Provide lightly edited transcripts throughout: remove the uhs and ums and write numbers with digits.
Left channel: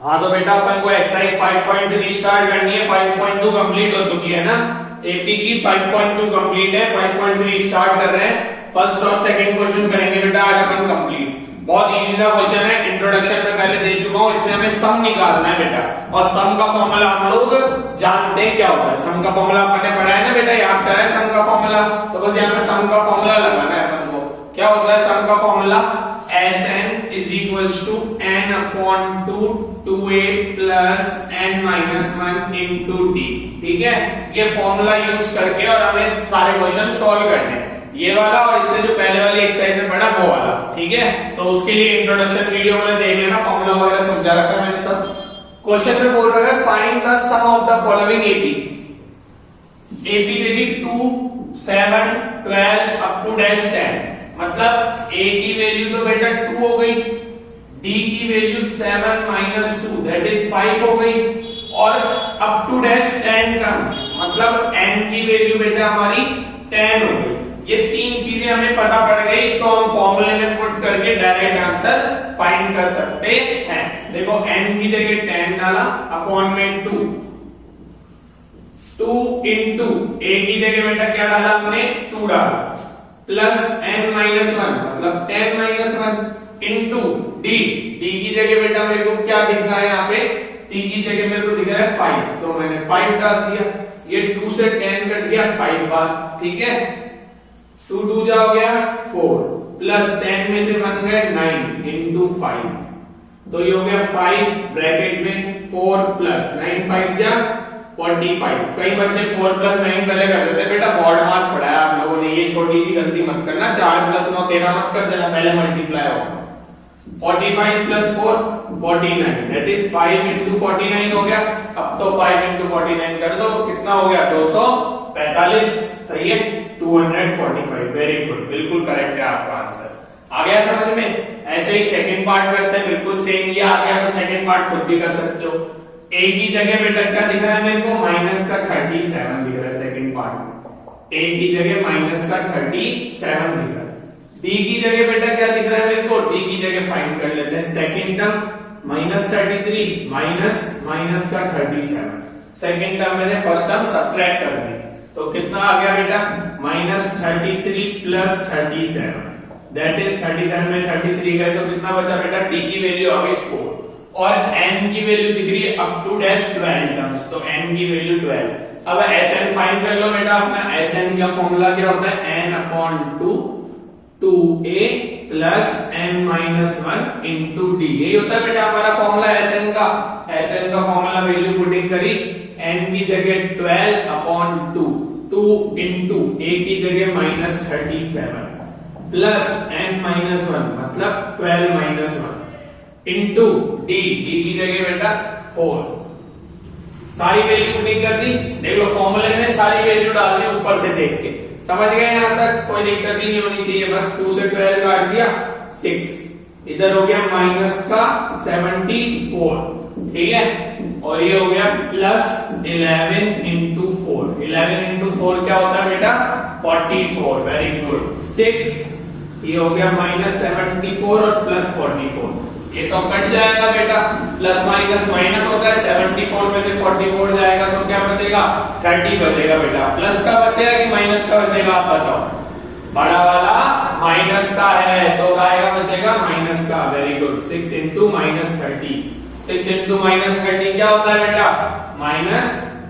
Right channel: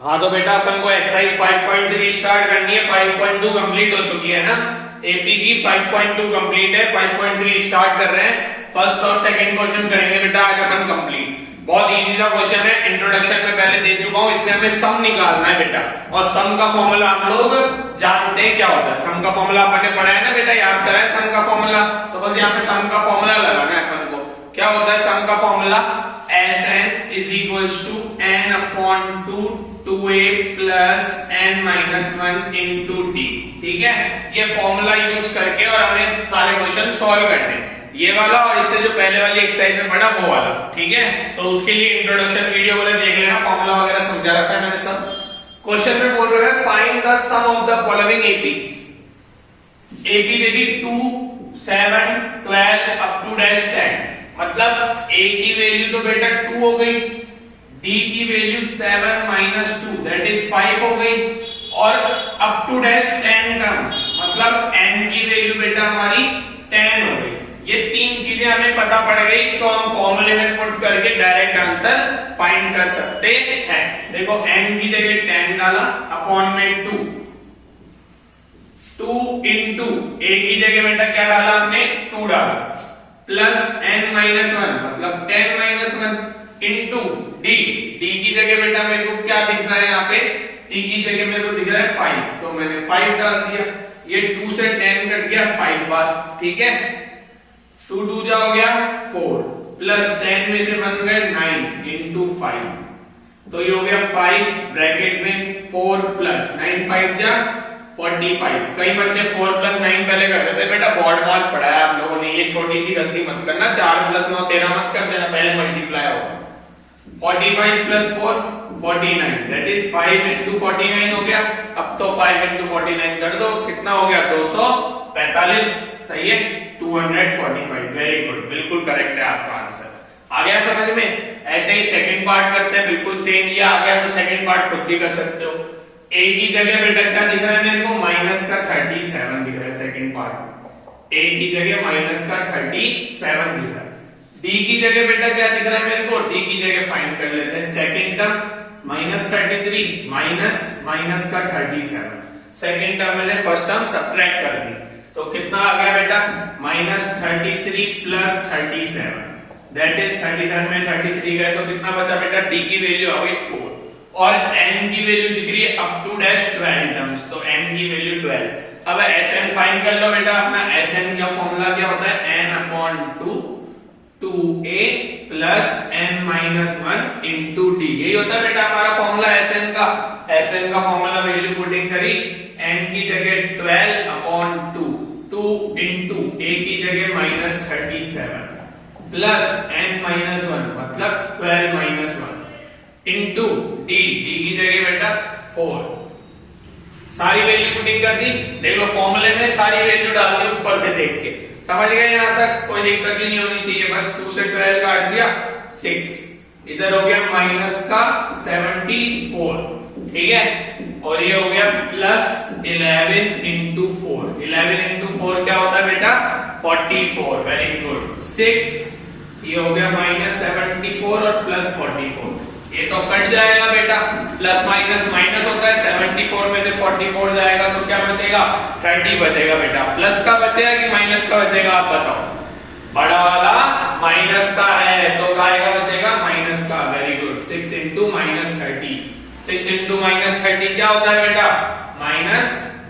हाँ तो बेटा अपन को एक्सरसाइज 5.3 स्टार्ट करनी है। 5.2 कंप्लीट हो चुकी है ना, एपी की 5.2 कंप्लीट है, 5.3 स्टार्ट कर रहे हैं। फर्स्ट और सेकंड क्वेश्चन करेंगे बेटा आज अपन कंप्लीट। बहुत इजी सा क्वेश्चन है, इंट्रोडक्शन में पहले दे चुका हूं। इसमें हमें सम निकालना है बेटा, और सम का फॉर्मूला हम लोग जानते हैं क्या होता है। सम का फॉर्मूला अपन ने पढ़ा है ना बेटा, याद करा है सम का फॉर्मूला। तो बस यहाँ पे सम का फॉर्मूला लगाना है अपन को। क्या होता है सम का formula? Sn is equals to n upon 2a plus n minus 1 into d। ठीक है, ये फॉर्मूला यूज करके और हमें सारे क्वेश्चन सॉल्व करने हैं। ये वाला और इससे जो पहले वाली एक्सरसाइज में पढ़ा वो वाला। ठीक है, तो उसके लिए इंट्रोडक्शन वीडियो को देख लेना, फॉर्मूला वगैरह समझा रखा है मैंने सब। क्वेश्चन में बोल रहा है find the sum of the following AP. AP दे दी 2, 7, 12 अप टू डैश 10। मतलब a की वैल्यू तो बेटा 2 हो गई, d की वैल्यू 7 माइनस 2 दैट इज 5 हो गई, और अप टू डैश 10 टर्म्स मतलब n की वैल्यू बेटा हमारी 10 हो गई। ये तीन चीजें हमें पता पड़ गई तो हम फॉर्मूले में पुट करके डायरेक्ट आंसर फाइंड कर सकते हैं। देखो n की जगह 10 डाला, अपॉन में 2 इंटू a की जगह बेटा क्या डाला हमने 2 डाला, प्लस n माइनस 1 मतलब 10 माइनस 1 इंटू d की जगह बेटा मेरे को क्या दिख रहा है यहाँ पे, d की जगह मेरे को दिख रहा है 5, तो मैंने 5 डाल दिया। ये 2 से 10 कट गया 5 बार। ठीक है, 2 2 जा हो गया 4, प्लस 10 में से बन गए 9 इंटू 5, तो ये हो गया 5 ब्रैकेट में 4 प्लस 9 5 जा 45। कई बच्चे 4 प्लस 9 पहले कर देते बेटा, फॉर्ड मास पढ़ा है आप लोगों ने, ये छोटी सी गलती मत करना। 4 प्लस 9 13 मत कर देना, पहले मल्टीप्लाई होगा। 45 प्लस 4 49 दैट इज 5 इंटू 49 हो गया। अब तो 5 इंटू 49 कर दो, कितना हो गया 245। सही है, 245। वेरी गुड, बिल्कुल करेक्ट है आपका आंसर। आ गया समझ में? ऐसे ही सेकंड पार्ट करते हैं, बिल्कुल सेम। ये आ गया तो सेकंड पार्ट खुद भी कर सकते हो। a की जगह बेटा क्या दिख रहा है मेरे को, माइनस का 37 दिख रहा है सेकंड पार्ट में। a की जगह माइनस का 37 दिख रहा है। d की जगह बेटा क्या दिख रहा है मेरे को, d की जगह फाइंड कर लेते हैं। Second term minus 33 minus minus का 37, सेकंड टर्म में फर्स्ट टर्म सब्ट्रैक्ट कर दी, तो कितना आ गया बेटा माइनस 33 प्लस 37 दैट इज 37 में 33 गए तो कितना बचा बेटा, d की वैल्यू आ गई 4, और n की वैल्यू दिख रही है अप टू डैश 12 टर्म्स, तो n की वैल्यू 12। अब Sn फाइंड कर लो बेटा अपना। Sn का फॉर्मूला क्या होता है, n upon 2 2a plus n minus 1 into d। यही होता है बेटा हमारा फॉर्मूला Sn का। Sn का फॉर्मूला वैल्यू पुटिंग करी, n की जगह 12 अपॉन 2 इंटू a की जगह माइनस 37 प्लस n माइनस 1 मतलब 12 माइनस 1 इंटू d की जगह बेटा 4। सारी वैल्यू पुटिंग कर दी। देख लो फॉर्मूले में सारी वैल्यू डाल दी ऊपर से देख के। समझ गए यहां तक? कोई दिक्कत ही नहीं होनी चाहिए। बस 2 से 12 काट दिया 6, इधर हो गया माइनस का 74। ठीक है, और ये हो गया प्लस 11 इंटू 4। 11 इंटू 4 क्या होता है बेटा, 44। Very good. 6 ये हो गया माइनस 74 और प्लस 44, ये तो कट जाएगा बेटा, प्लस माइनस माइनस होता है। 74 में से 44 जाएगा तो क्या बचेगा, 30 बचेगा बेटा। प्लस का बचेगा कि माइनस का बचेगा आप बताओ? बड़ा वाला माइनस का है तो काय का बचेगा, माइनस का। Very good. 6 into minus 30, 6 into minus 30 क्या होता है बेटा, माइनस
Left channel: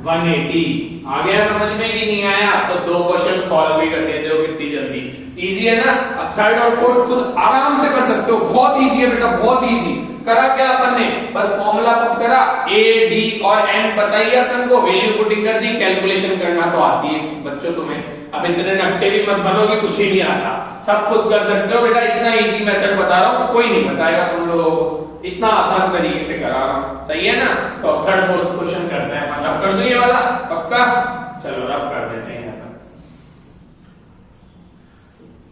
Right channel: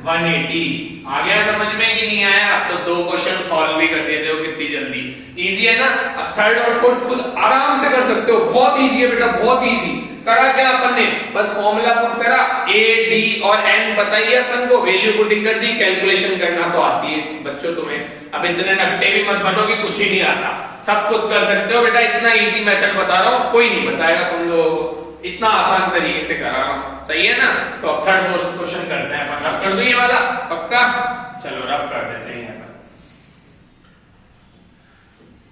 180। आ गया समझ में कि नहीं आया? तो 2 क्वेश्चन सॉल्व भी कर देते हो कितनी जल्दी। इजी है ना? अब थर्ड और फोर्थ खुद आराम से कर सकते हो, बहुत इजी है बेटा, बहुत इजी। करा क्या अपन ने, बस फॉर्मूला पुट करा, a d और n बताइए अपन को, वैल्यू पुटिंग कर दी, कैलकुलेशन करना तो आती है बच्चों तुम्हें। अब इतने नट्टे भी मत बनो कि कुछ ही नहीं आता, सब खुद कर सकते हो बेटा। इतना इजी मेथड बता रहा हूँ, कोई नहीं बताएगा तुम लोगों को, इतना आसान तरीके से करा रहा हूँ। सही है ना? तो अब थर्ड फोर्थ क्वेश्चन करते हैं अपन। रफ कर दूं ये वाला पक्का? चलो रफ कर देते हैं।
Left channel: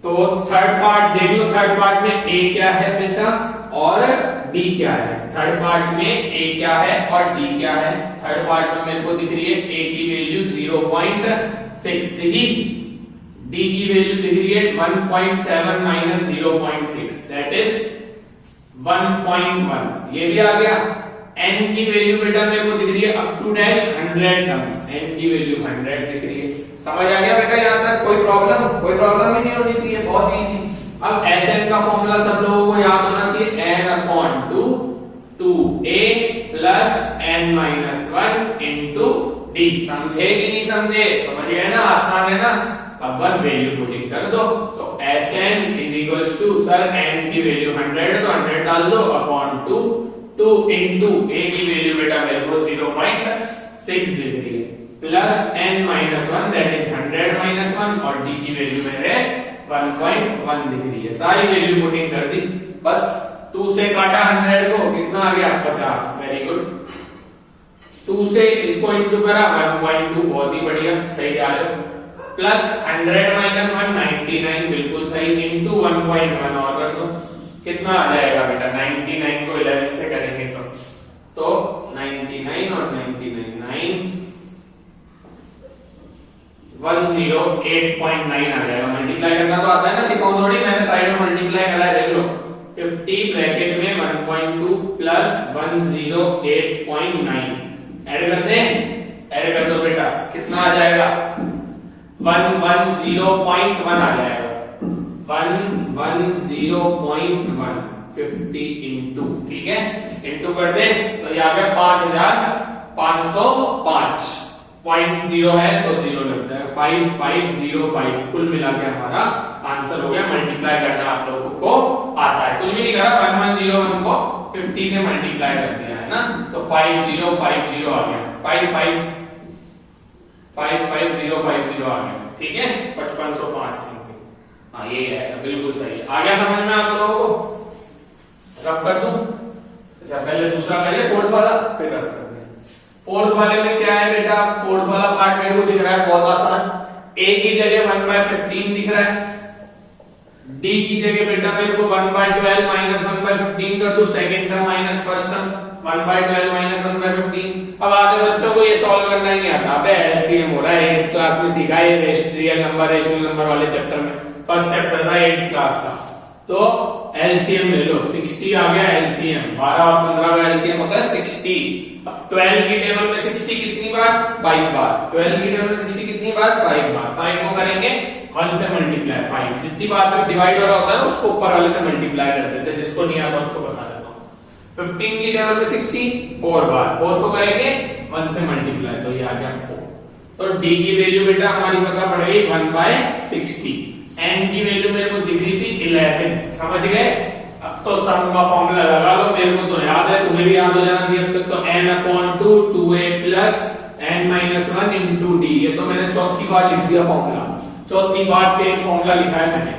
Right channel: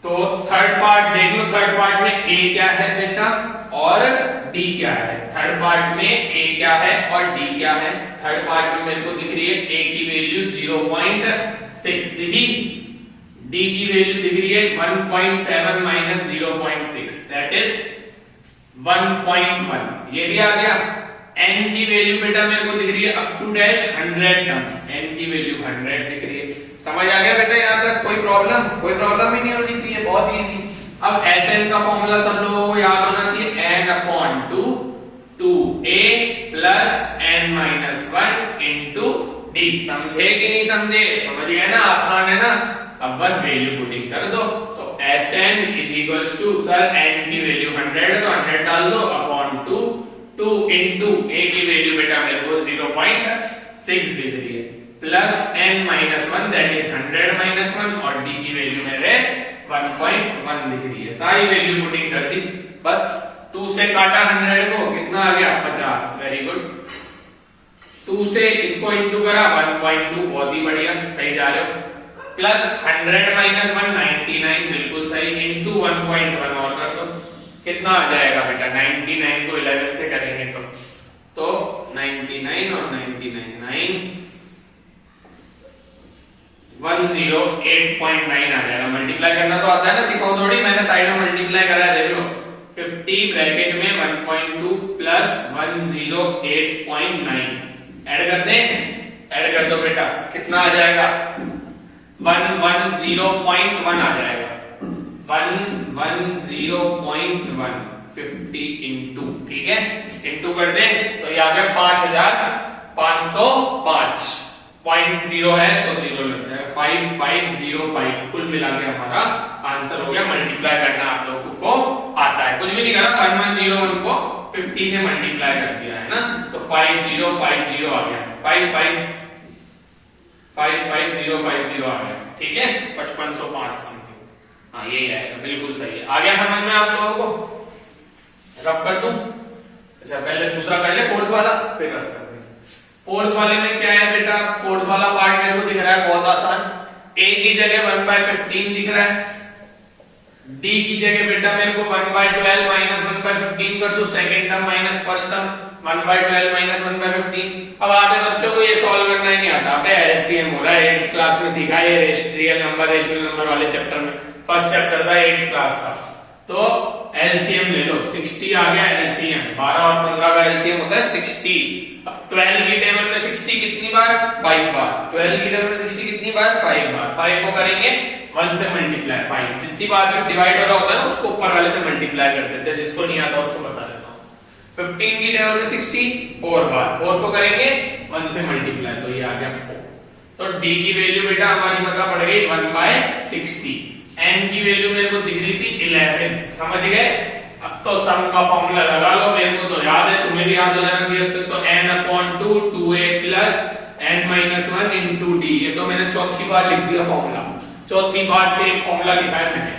तो थर्ड पार्ट देख लो। थर्ड पार्ट में a क्या है बेटा और d क्या है। थर्ड पार्ट में a क्या है और d क्या है। थर्ड पार्ट में मेरे को दिख रही है a की वैल्यू 0.6 दिखी, d की वैल्यू दिख रही है 1.7 माइनस 0.6 दैट इज 1.1। ये भी आ गया। n की वैल्यू बेटा मेरे को दिख रही है up to dash 100 terms, n की वैल्यू 100 दिख रही है। समझ आ गया बेटा यहाँ तक? कोई प्रॉब्लम ही नहीं होनी चाहिए, बहुत इजी। अब Sn का फॉर्मूला सब लोगों को याद होना चाहिए, n upon 2 2a plus n minus 1 into d। समझे कि नहीं समझे? समझ गए ना? आसान है ना? अब बस वैल्यू पुटिंग कर दो। तो Sn is equals to, sir n की वैल्यू 100 है तो 100 डाल दो, अपॉन 2 2 इंटू a की वैल्यू बेटा मेरे को 0.6 दिख रही है, plus n minus 1 that is 100 minus 1 और d की वैल्यू मेरे 1.1 दिख रही है। सारी वैल्यू पुटिंग कर दी, बस 2 से काटा 100 को, कितना आ गया? 50। Very good. 2 से इसको इंटू करा 1.2, बहुत ही बढ़िया, सही जा रहे हो। प्लस 100 माइनस 1 99, बिल्कुल सही, इंटू 1.1 और कर दो, कितना आ जाएगा बेटा? 99 को 11 से करेंगे तो 99 और 99 9 108.9 आ जाएगा। मल्टीप्लाई करना तो आता है ना, सिखाऊं थोड़ी, मैंने साइड में मल्टीप्लाई करा है, देख लो। 50 ब्रैकेट में 1.2 प्लस 108.9 ऐड कर दें, ऐड कर दो बेटा, कितना आ जाएगा? 110.1 आ जाएगा, 110.1 50 इंटू, ठीक है, इंटू कर दे तो ये आ गया 5505। 0 है तो 0 लग जाएगा, 5505 कुल मिला के हमारा आंसर हो गया। मल्टीप्लाई करना आप लोगों को आता है, कुछ भी नहीं करा, 1101 को 50 से मल्टीप्लाई कर दिया है ना, तो 5050 आ गया, 555050 आ गया, ठीक है, 5505 समथिंग। हाँ यही आएगा, बिल्कुल सही है। आ गया समझ में आप लोगों को? रफ कर दूं? अच्छा पहले दूसरा कर ले, फोर्थ वाला, फिर रफ कर दे। फोर्थ वाले में क्या है बेटा? फोर्थ वाला पार्ट मेरे को दिख रहा है बहुत आसान। a की जगह 1/15 दिख रहा है, d की जगह बेटा मेरे को 1/12 माइनस 1/15 कर दो, second term minus first term, 1/12 minus 1/15। अब आधे बच्चों को ये सॉल्व करना ही नहीं आता, अबे एलसीएम हो रहा है, 8th क्लास में सीखा है रियल नंबर रेशनल नंबर वाले चैप्टर में, फर्स्ट चैप्टर था 8th क्लास का। तो एलसीएम ले लो, 60 आ गया एलसीएम, 12 और 15 का एलसीएम होता है 60। अब 12 की टेबल में 60 कितनी बार? 5 बार। 12 की टेबल में 60 कितनी बार? 5 बार। 5 को करेंगे 1 से मल्टीप्लाई, 5 जितनी बार पे डिवाइड हो रहा होता है उसको ऊपर वाले से मल्टीप्लाई कर देते हैं, जिसको नहीं आता उसको बता देता हूं। 15 की टेबल में 60 4 बार, 4 को करेंगे 1 से मल्टीप्लाई, तो ये आ गया 4। तो d की वैल्यू बेटा हमारी पता पड़ गई 1/60। n की वैल्यू मेरे को दिख रही थी 11, समझ गए? अब तो सम का फॉर्मूला लगा लो, मेरे को तो याद है, तुम्हें भी याद हो जाना चाहिए अब तक। तो n upon 2 2a plus n minus 1 into d, ये तो मैंने चौथी बार लिख दिया फॉर्मूला, चौथी बार से एक फॉर्मूला लिखा है मैंने।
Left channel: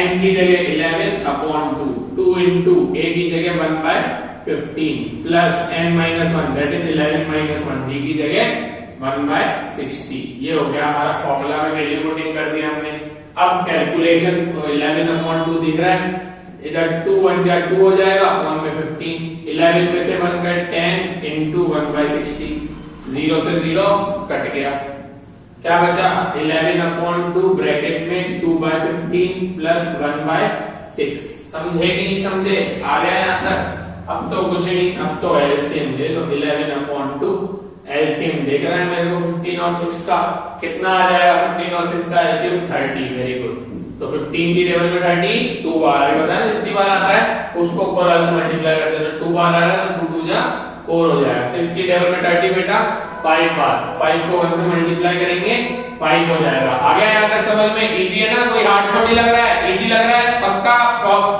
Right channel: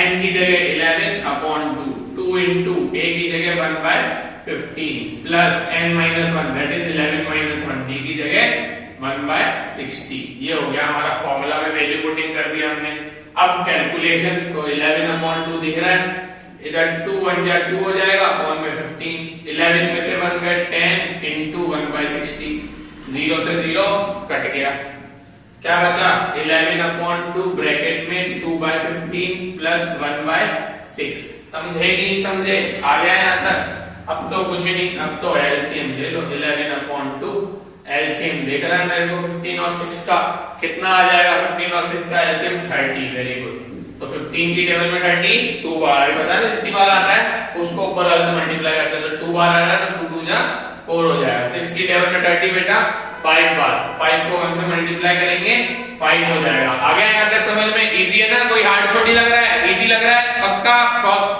n की जगह 11 अपॉन 2 2 इंटू a की जगह 1/15 plus n minus 1 that is 11 minus 1, d की जगह 1/60। ये हो गया हमारा फॉर्मूला में वैल्यू पुटिंग कर दिया हमने। अब कैलकुलेशन, तो 11 अपॉन 2 दिख रहा है, इधर 2 1 जा 2 हो जाएगा, अपॉन में 15, 11 में से 1 गए 10 इंटू 1/60, 0 से 0 कट गया, क्या बचा? 11 अपॉन 2 ब्रैकेट में 2/15 प्लस 1/6। समझे कि नहीं समझे? आ गया यहाँ तक? अब तो कुछ नहीं, अब तो एलसीएम ले लो, 11 अपॉन 2 एलसीएम देख रहा है मेरे को 15 और 6 का, कितना आ जाएगा? 15 और 6 का एलसीएम 30। Very good. तो 15 की टेबल में 30 2 बार है, पता है जितनी बार आता है उसको ऊपर वाले से मल्टीप्लाई करते हैं, तो 2 बार आ रहा है तो 2 2 जा 4 हो जाएगा। 6 की टेबल में 30 बेटा 5 बार, 5 को 1 से मल्टीप्लाई करेंगे 5 हो जाएगा। आ गया यहाँ तक समझ में? इजी है ना? कोई हार्ड थोड़ी लग रहा है, इजी लग रहा है पक्का,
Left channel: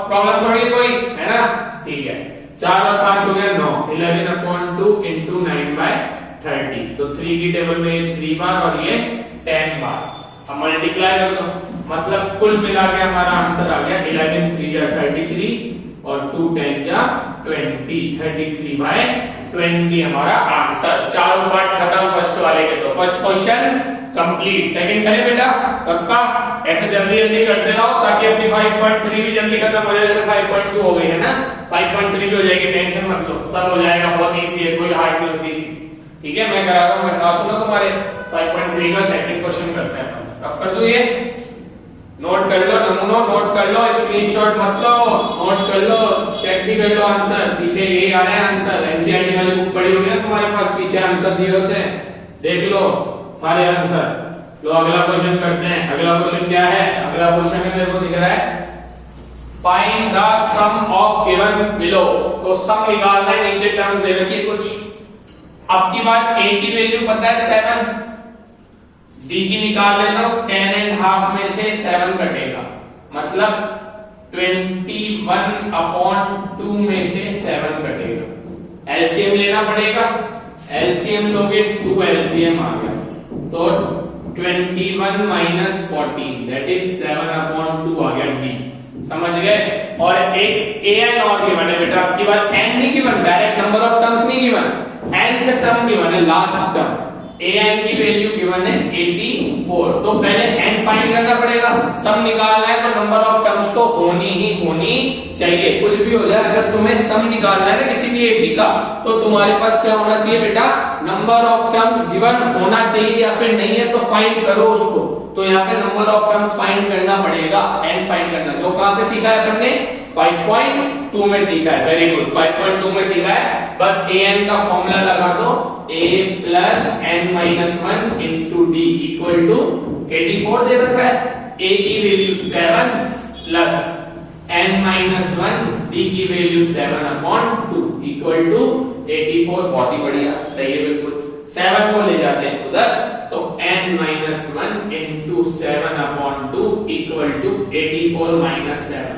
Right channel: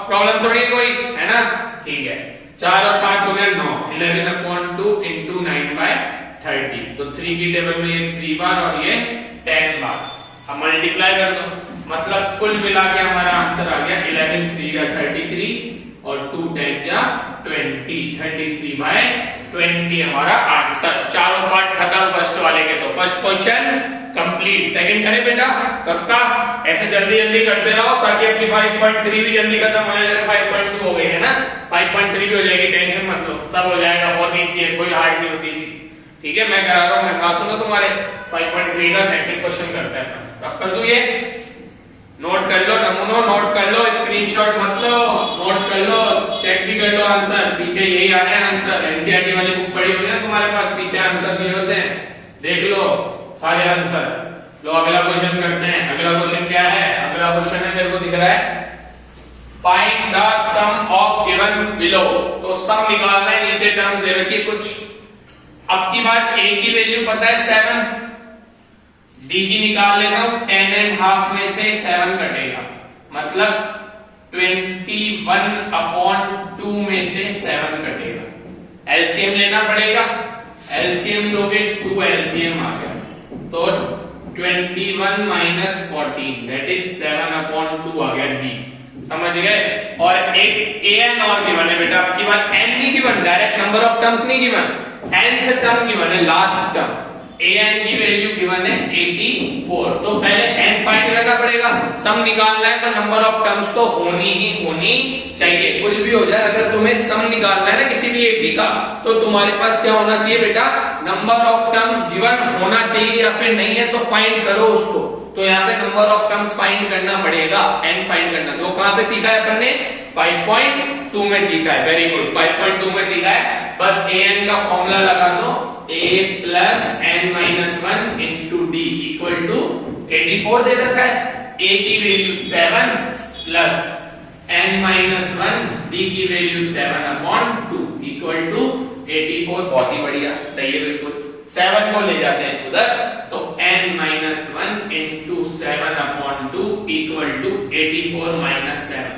प्रॉब्लम थोड़ी कोई है ना? ठीक है, 4 और 5 हो गया 9, 11 अपॉन 2 इंटू 9/30, तो 3 की टेबल में ये 3 बार और ये 10 बार। अब मल्टीप्लाई कर दो, मतलब कुल मिला के हमारा आंसर आ गया 11 3 या 33 और 2 10 या 20, 33/20 हमारा आंसर। चारों पार्ट खत्म फर्स्ट वाले के। तो फर्स्ट क्वेश्चन कंप्लीट। सेकंड करें बेटा कब का? ऐसे जल्दी जल्दी करते रहो ताकि अपनी 5.3 भी जल्दी खत्म हो जाए, जैसे 5.2 हो गई है ना, 5.3 भी हो जाएगी, टेंशन मत लो, सब हो जाएगा, बहुत इजी है, कोई हार्ड नहीं होती चीज। ठीक है, मैं करा रहा हूं, मैं साथ हूं ना तुम्हारे। 5.3 का सेकंड क्वेश्चन करते हैं, रफ कर दूं ये, नोट कर लो नमूनो, नोट कर लो, स्क्रीनशॉट मत लो, नोट कर लो, चेक भी कर लो आंसर, पीछे यही आ रहे हैं आंसर। एनसीईआरटी वाली बुक पड़ी हुई है ना तुम्हारे पास, पीछे आंसर दिए होते हैं, देख लो सारे आंसर। लो अगला क्वेश्चन करते हैं। अगला क्वेश्चन क्या है? अगला क्वेश्चन है, मेरे को दिख रहा है, find the sum of given below. तो सम निकालना है, नीचे टर्म्स दे रखी है कुछ। अब की बात a की वैल्यू पता है 7, d की निकाल लेता हूं, 10.5 में से 7 कटेगा, मतलब 21/2 में से 7 कटेगा। एलसीएम लेना पड़ेगा, एलसीएम लोगे 2 एलसीएम आ गया, तो 21 - 14 दैट इज 7/2 आ गया d। समझ गए? और एक an और गिवन है बेटा, आपकी बात n नहीं given, direct number of terms नहीं गिवन, nth टर्म गिवन है, लास्ट टर्म। an की वैल्यू गिवन है 84, तो पहले n फाइंड करना पड़ेगा। सम निकालना है तो नंबर ऑफ टर्म्स तो होनी चाहिए, कुछ भी हो जाए, अगर तुम्हें सम निकालना है ना किसी भी ab का, तो तुम्हारे पास क्या होना चाहिए बेटा, नंबर ऑफ टर्म्स गिवन होना चाहिए, या फिर नहीं है तो फाइंड करो उसको। तो यहाँ पे नंबर ऑफ टर्म्स फाइंड करना पड़ेगा, n फाइंड करना। तो कहां पे सीखा है अपन ने? 5.2 में सीखा है, वेरी गुड, 5.2 में सीखा है। बस an का फॉर्मूला लगा दो, a plus n minus 1 into d equal to 84 दे रखा है। a की value 7 plus n minus 1, d की वैल्यू 7/2 equal to 84। बहुत ही बढ़िया, सही है बिल्कुल। 7 को ले जाते हैं उधर, तो n minus 1 into 7/2 equal to 84 minus 7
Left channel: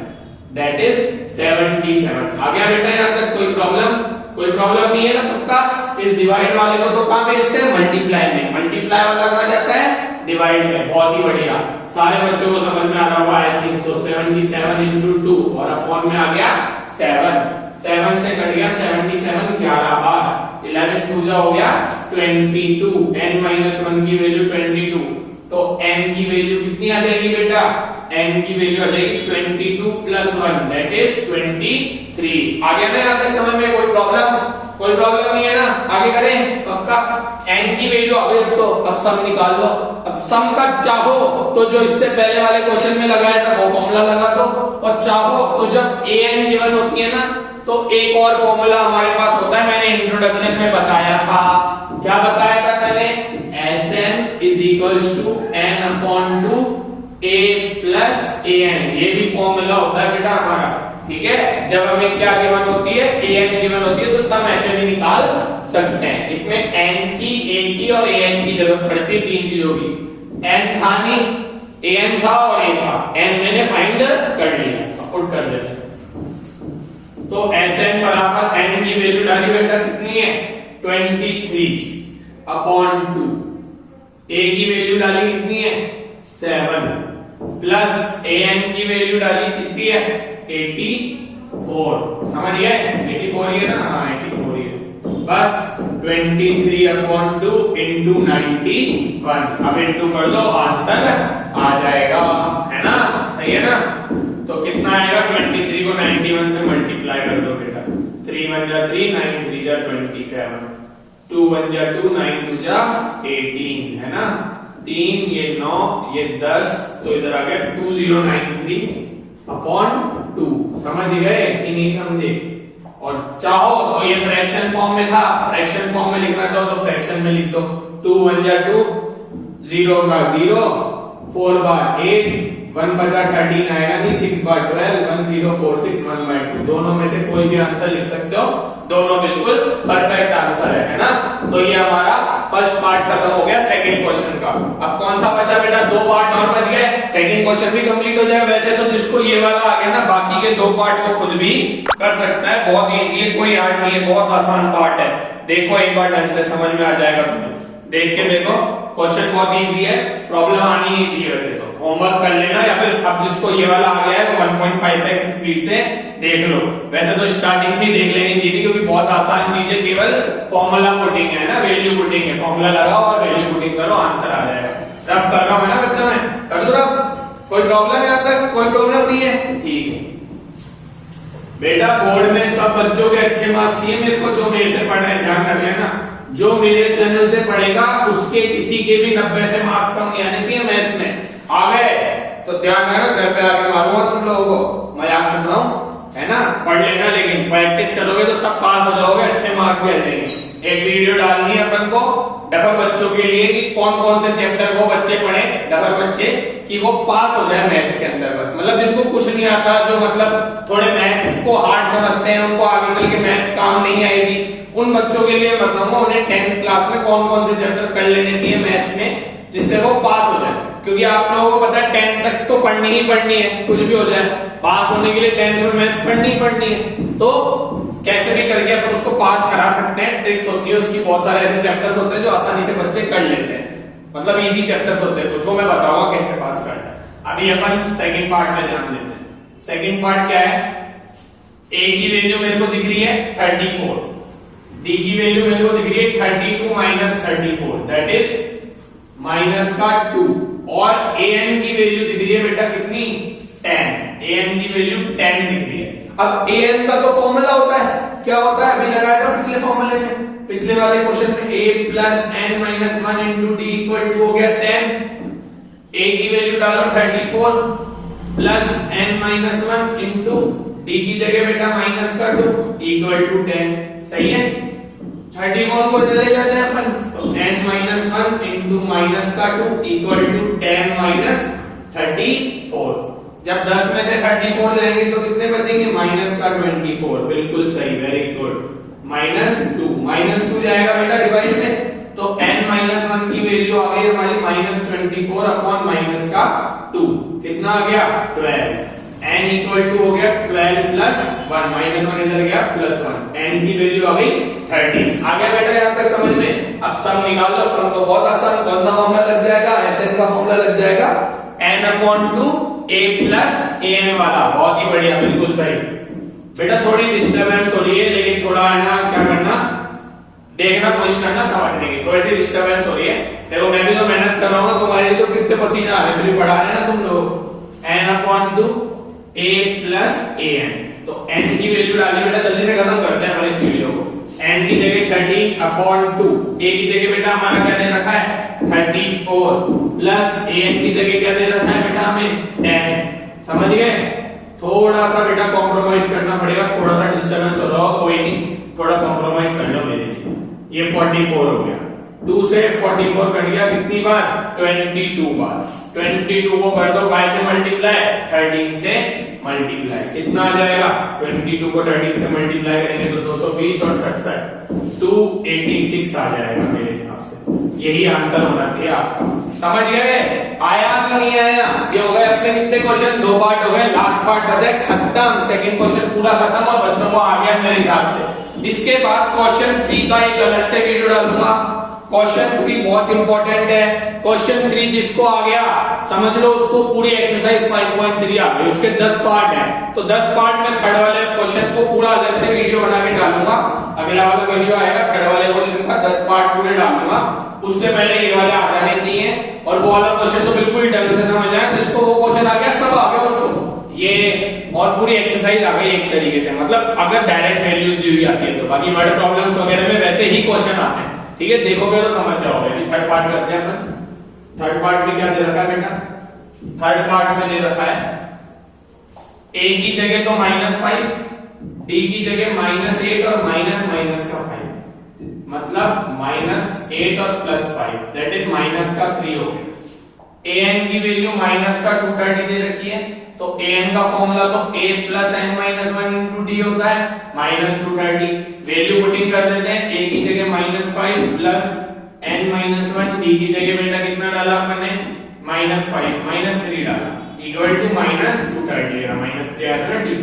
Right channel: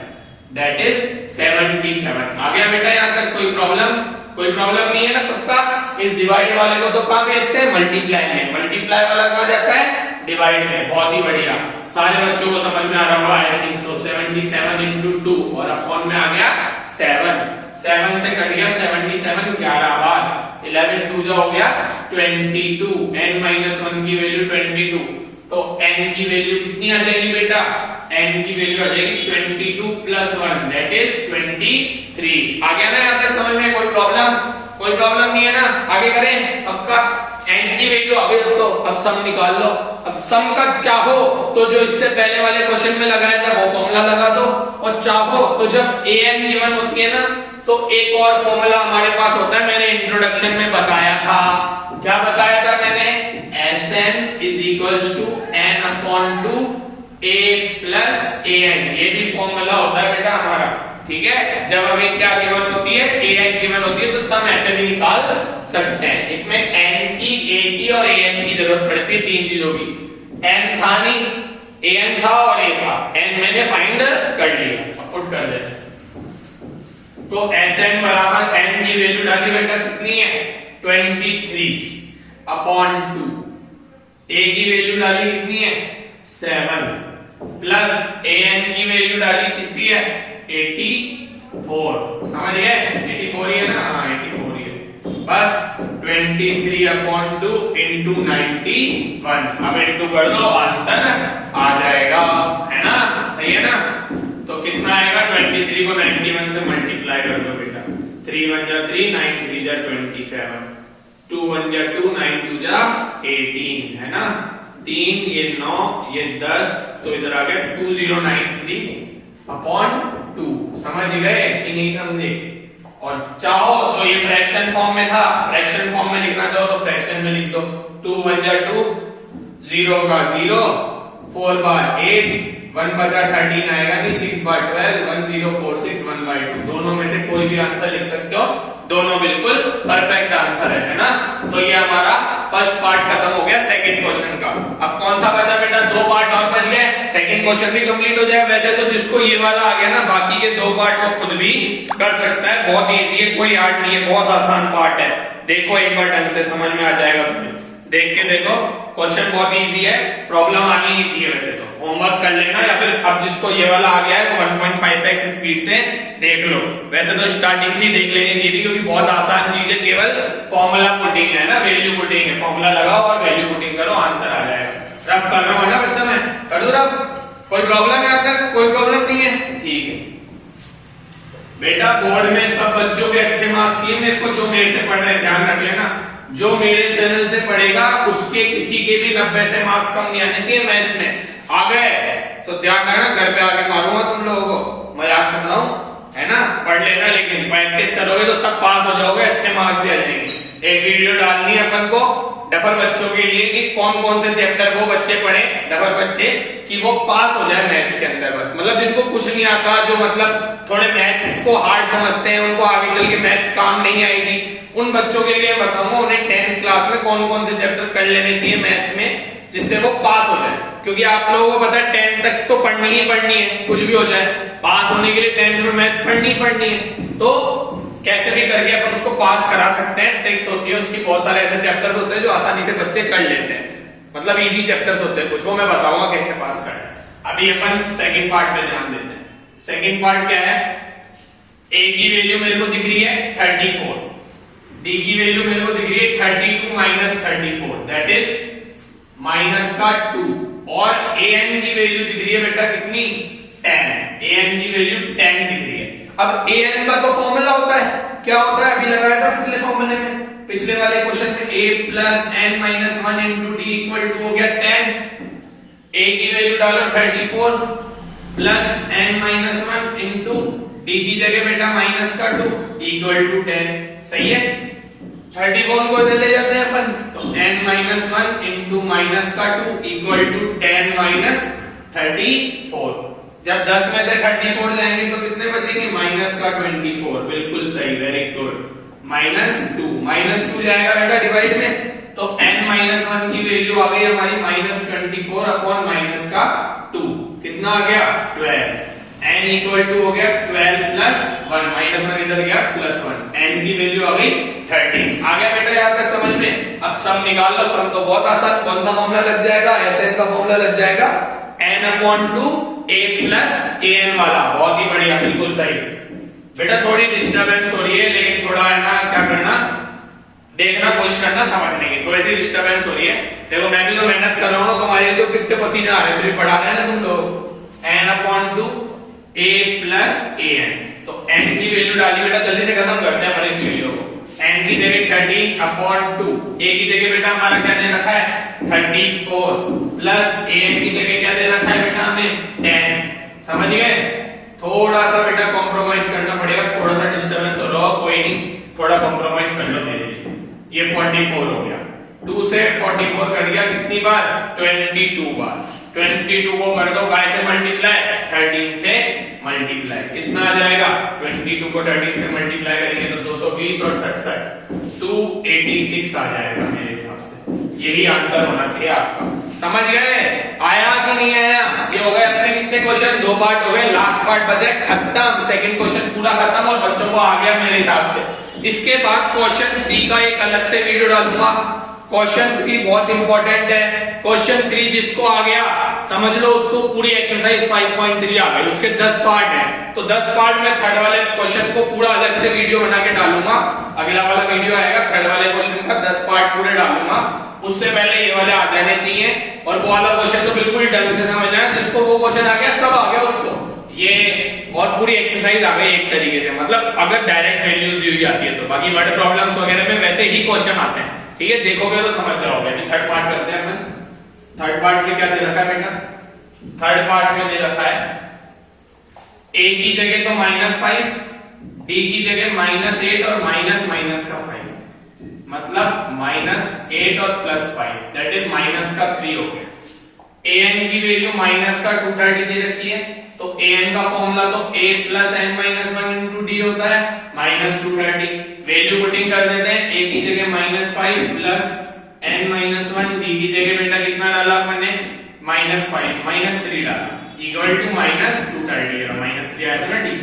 that is 77। आ गया बेटा यहाँ तक? कोई प्रॉब्लम नहीं है ना? पक्का? इस डिवाइड वाले को तो कहां भेजते हैं? मल्टीप्लाई में। मल्टीप्लाई वाला कहां जाता है? डिवाइड में। बहुत ही बढ़िया, सारे बच्चों को समझ में आ रहा होगा, आई थिंक सो। 77 into 2 और अपॉन में आ गया 7 से कट गया 77, 11 बार 11 2 जो हो गया 22, n - 1 की वैल्यू 22, तो n की वैल्यू कितनी आ जाएगी बेटा? n की वैल्यू आ जाएगी 22 + 1 दैट इज 23। आ गया ना यहाँ तक समझ में? कोई प्रॉब्लम नहीं है ना? आगे करें? पक्का? n की वैल्यू आ गई, तो अब सम निकाल लो। अब सम का चाहो तो जो इससे पहले वाले क्वेश्चन में लगाया था वो फॉर्मूला लगा दो, और चाहो तो जब an गिवन होती है ना, तो एक और फॉर्मूला हमारे पास होता है, मैंने इंट्रोडक्शन में बताया था। क्या बताया था मैंने? Sn = n/2 a plus an, ये भी फॉर्मूला होता है बेटा हमारा, ठीक है। जब हमें क्या गिवन होती है? an गिवन होती है, तो सम ऐसे भी निकाल सकते हैं। इसमें n की, a की और an की जरूरत पड़ती है, तीन चीजों की। n था नहीं, an था और a था, n मैंने फाइंड कर लिया, पुट कर देते। तो Sn बराबर n की वैल्यू डाली बेटा, कितनी है? 23/2। a की वैल्यू डाली कितनी है? 7 प्लस an की वैल्यू डाली कितनी है? 84। समझ गए? 84 ही है ना? हाँ 84 ही है। बस 23/2 into 91, अब इंटू कर दो, आंसर आ जाएगा, है ना? सही है ना? तो कितना आएगा? 23 को 91 से मल्टीप्लाई कर दो बेटा, 3 1 जा 3, 9 3 जा 27, 2 1 जा 2, 9 2 जा 18, है ना? 3 ये 9 ये 10, तो इधर आ गया 2093/2। समझ गए कि नहीं समझे? और चाहो तो ये फ्रैक्शन फॉर्म में था, फ्रैक्शन फॉर्म में लिखना चाहो तो फ्रैक्शन में लिख दो। 2 1 जा 2, 0 का 0, 4 का 8, 1 बचा 13 आएगा नहीं, 6 का 12, 1046 1/2। दोनों में से कोई भी आंसर लिख सकते हो, दोनों बिल्कुल परफेक्ट आंसर है ना? तो ये हमारा फर्स्ट पार्ट खत्म हो गया सेकंड क्वेश्चन का। अब कौन सा बचा बेटा? 2 पार्ट और बच गए, सेकंड क्वेश्चन भी कंप्लीट हो जाएगा। वैसे तो जिसको ये वाला आ गया ना, बाकी के 2 पार्ट को खुद भी कर सकता है, बहुत इजी है, कोई हार्ड नहीं है, बहुत आसान पार्ट है। देखो एक बार ढंग से समझ में आ जाएगा तुम्हें, देख के देखो, क्वेश्चन बहुत इजी है, प्रॉब्लम आनी नहीं चाहिए। वैसे तो होमवर्क कर लेना, या फिर अब जिसको ये वाला आ गया है तो 1.5x स्पीड से देख लो। वैसे तो स्टार्टिंग से ही देख लेनी चाहिए, क्योंकि बहुत आसान चीज है, केवल फॉर्मूला पुटिंग है ना, वैल्यू पुटिंग है। फॉर्मूला लगाओ और वैल्यू पुटिंग करो, आंसर आ जाएगा। रफ कर रहा हूं ना बच्चा, मैं कर दो रफ? कोई प्रॉब्लम है यहाँ तक? कोई प्रॉब्लम नहीं है? ठीक है बेटा, बोर्ड में सब बच्चों के अच्छे मार्क्स चाहिए मेरे को। जो मेरे से पढ़ रहे हैं ध्यान रख लेना, जो मेरे चैनल से पढ़ेगा उसके किसी के भी 90 से मार्क्स कम नहीं आने चाहिए मैथ्स में। आ गए? तो ध्यान रखना, घर पे आके मारूंगा तुम लोगों को, मजाक कर रहा हूँ, है ना। पढ़ लेना, लेकिन प्रैक्टिस करोगे तो सब पास हो जाओगे, अच्छे मार्क्स भी आ जाएंगे। एक वीडियो डालनी है अपन को डफर बच्चों के लिए कि कौन कौन से चैप्टर वो बच्चे पढ़े, डफर बच्चे, कि वो पास हो जाए मैथ्स के अंदर। बस मतलब जिनको कुछ नहीं आता, जो मतलब थोड़े मैथ्स को हार्ड समझते हैं, उनको आगे चल के मैथ्स काम नहीं आएगी, उन बच्चों के लिए बताऊंगा उन्हें 10th क्लास में कौन कौन से चैप्टर कर लेने चाहिए मैथ्स में, जिससे वो पास हो जाए। क्योंकि आप लोगों को पता है 10th तक तो पढ़नी ही पढ़नी है, कुछ भी हो जाए, पास होने के लिए 10th में मैथ्स पढ़नी ही पढ़नी है। तो कैसे भी करके अपन उसको पास करा सकते हैं, ट्रिक्स होती है उसकी, बहुत सारे ऐसे चैप्टर्स होते हैं जो आसानी से बच्चे कर लेते हैं, मतलब इजी चैप्टर्स होते हैं कुछ, वो मैं बताऊंगा कैसे पास करना है। अभी अपन सेकंड पार्ट में ध्यान देते हैं। सेकंड पार्ट क्या है, ए की वैल्यू मेरे को दिख रही है 34, डी की वैल्यू मेरे को दिख रही है 32 माइनस 34, दैट इज माइनस का 2, और ए एन की वैल्यू दिख रही है बेटा कितनी, 10, ए एन की वैल्यू 10 दिख रही है। अब ए एन का तो फॉर्मूला होता है, क्या होता है, अभी लगाया था पिछले फॉर्मूले में, पिछले वाले क्वेश्चन में, a plus n minus 1 into d equal to हो गया 10, a की वैल्यू डालो 34 plus n minus 1 into d की जगह बेटा माइनस का 2 इक्वल टू 10, सही है। 34 को चले जाते हैं अपन, तो n माइनस 1 इंटू माइनस का 2 इक्वल टू 10 माइनस 34। जब 10 में से 34 जाएंगे तो कितने बचेंगे, माइनस का 24, बिल्कुल सही, वेरी गुड, माइनस 2 जाएगा बेटा डिवाइड में, तो n माइनस 1 की वैल्यू आ गई हमारी माइनस 24 अपॉन माइनस का 2, कितना आ गया 12, n इक्वल टू हो गया 12 प्लस 1, माइनस 1 इधर गया प्लस 1, n की वैल्यू आ गई 13। आ गया बेटा यहाँ तक समझ में। अब सम निकाल लो, सम तो बहुत आसान, कौन सा फॉर्मूला लग जाएगा, Sn का फॉर्मूला लग जाएगा, n upon 2 a plus an वाला, बहुत ही बढ़िया, बिल्कुल सही। बेटा थोड़ी डिस्टरबेंस हो रही है, लेकिन थोड़ा है ना, क्या करना, देखना, कोशिश करना समझने की, थोड़ी सी डिस्टरबेंस हो रही है। देखो मैं भी तो मेहनत कर रहा हूँ ना, तुम्हारे लिए तो कितने पसीने आ रहे हैं, फिर पढ़ा रहे हैं ना तुम लोग। n upon 2 a plus an, तो n की वैल्यू डाली बेटा, जल्दी से खत्म करते हैं हमारे इस वीडियो को। n की जगह 13 अपॉन 2, a की जगह बेटा हमारा क्या दे रखा है 34 प्लस an की जगह क्या दे रखा है बेटा हमें 10, समझ गए। थोड़ा सा बेटा कॉम्प्रोमाइज करना पड़ेगा, थोड़ा सा डिस्टर्बेंस हो रहा हो, कोई नहीं, थोड़ा कॉम्प्रोमाइज कर लो मेरे लिए। ये 44 हो गया, 2 से 44 कट गया कितनी बार, 22 बार, 22 को कर दो बाय से मल्टीप्लाई, 13 से मल्टीप्लाई, कितना आ जाएगा, 22 को 13 से मल्टीप्लाई करेंगे तो 220 और 67 286 आ जाएगा मेरे हिसाब से। यही आंसर होना चाहिए आपका, समझ गए, आया कि नहीं आया। ये हो गए अपने कितने क्वेश्चन, 2 पार्ट हो गए, लास्ट पार्ट बचा है खत्म, सेकंड क्वेश्चन पूरा खत्म और बच्चों को आ गया मेरे हिसाब से। इसके बाद क्वेश्चन 3 का एक अलग से वीडियो डालूंगा, क्वेश्चन 3 बहुत इंपॉर्टेंट है। क्वेश्चन 3 जिसको आ गया समझ लो उसको पूरी एक्सरसाइज 5.3 आ गई, उसके 10 पार्ट है, तो 10 पार्ट में थर्ड वाले क्वेश्चन को पूरा अलग से वीडियो बना के डालूंगा। अगला वाला वीडियो आएगा थर्ड वाले क्वेश्चन का 10 पार्ट पूरे डालूंगा, उससे पहले ये वाले आ जाने चाहिए, और वो वाला क्वेश्चन तो बिल्कुल ढंग से समझना है, जिसको वो क्वेश्चन आ गया सब आ गया उसको, ये और पूरी एक्सरसाइज आ गई एक तरीके से, मतलब अगर डायरेक्ट वैल्यूज दी हुई आती है तो। बाकी वर्ड प्रॉब्लम्स वगैरह में वैसे ही क्वेश्चन आते हैं, ठीक है, देखोगे तो समझ जाओगे। अभी थर्ड पार्ट करते हैं अपन। थर्ड पार्ट में क्या दे रखा है बेटा, थर्ड पार्ट में दे रखा है a की जगह तो -5, d की जगह -8 और माइनस माइनस का 5, मतलब -8 और +5, दैट इज माइनस का 3 हो गया। an की वैल्यू माइनस का 230 दे रखी है, तो an का फॉर्मूला तो a plus n minus 1 into D होता है, -230। वैल्यू पुटिंग कर देते हैं, a की जगह -5 प्लस n माइनस 1, d की जगह बेटा कितना डाला हमने -5 -3 डाला, इक्वल टू -230, -3 आया था ना d,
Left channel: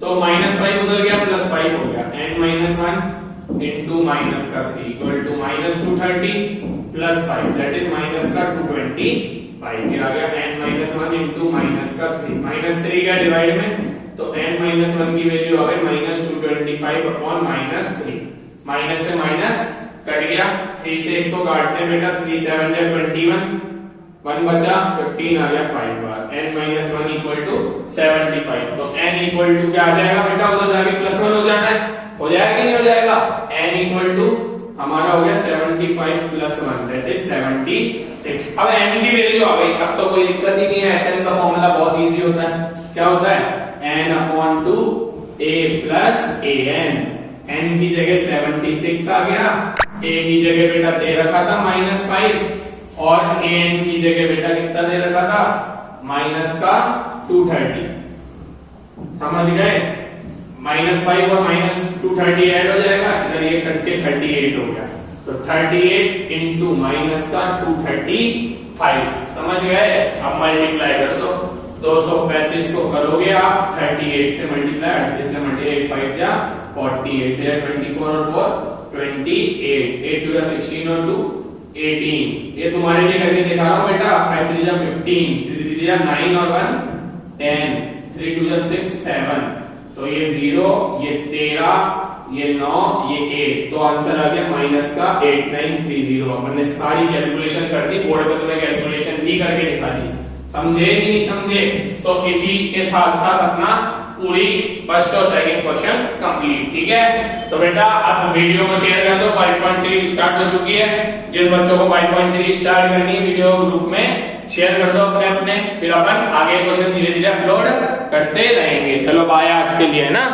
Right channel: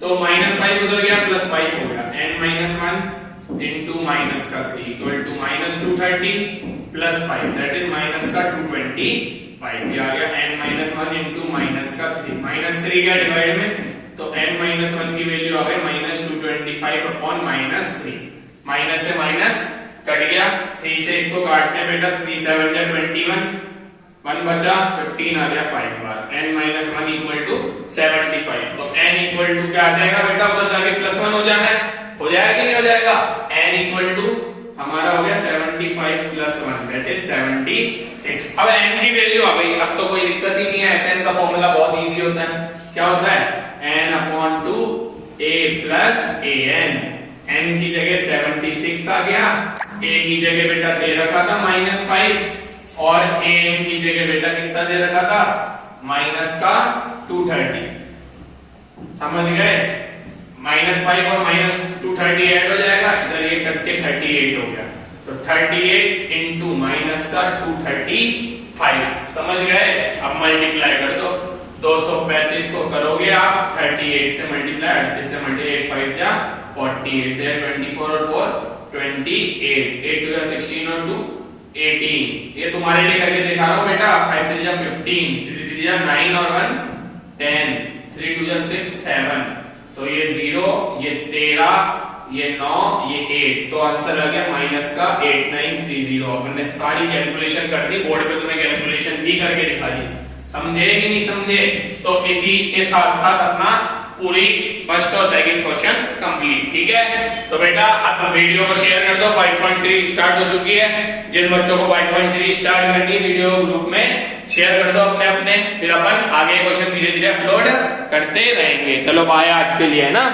तो -5 उधर गया +5 हो गया, n माइनस 1 इंटू माइनस का 3 equal to -230 plus 5, that is minus का 225, ये आ गया n माइनस 1 इंटू माइनस का 3, -3 गया डिवाइड में, तो n माइनस 1 की वैल्यू आ गई -225 अपॉन -3, माइनस से माइनस कट गया, 3 से इसको काटते हैं बेटा, 3 7 जा 21, 1 बचा, 15 आ गया 5 बार, n माइनस 1 इक्वल टू 75, तो n इक्वल टू क्या आ जाएगा बेटा, उधर जाके +1 हो जाना है, हो जाएगा कि नहीं हो जाएगा, n इक्वल टू हमारा हो गया 75 + 1, दैट इज 76, अब n की वैल्यू आ गई, अब तो कोई दिक्कत ही नहीं है, Sn का फॉर्मूला बहुत इजी होता है, क्या होता है n/2 a plus an। n की जगह 76 आ गया, a की जगह बेटा दे रखा था -5 और an की जगह बेटा कितना दे रखा था -230। समझ गए, -5 और -230 ऐड हो जाएगा, इधर ये कट के 38 हो गया, तो 38 इंटू -235। समझ गए, अब मल्टीप्लाई कर दो, 235 को करोगे आप 38 से मल्टीप्लाई, 38 से मल्टीप्लाई 5 जा 48, 24 और 4 28, 8 2 16 और 2 18। ये तुम्हारे लिए करके दिखा रहा हूं बेटा, 5 3 जा 15, 3 3 जा 9 और 1 10, 3 2 जा 6 7, तो ये 0, ये 13, ये 9, ये 8, तो आंसर आ गया माइनस का 8930। अपन ने सारी कैलकुलेशन कर दी, बोर्ड पे तुम्हें कैलकुलेशन भी करके दिखा दी, समझे कि नहीं समझे? तो इसी के साथ साथ अपना पूरी फर्स्ट और सेकंड क्वेश्चन कंप्लीट, ठीक है। तो बेटा अब वीडियो को शेयर कर दो, 5.3 स्टार्ट हो चुकी है, जिन बच्चों को 5.3 स्टार्ट करनी है वीडियो ग्रुप में शेयर कर दो अपने अपने, फिर अपन आगे क्वेश्चन धीरे धीरे अपलोड करते रहेंगे। चलो बाय आज के लिए, है ना।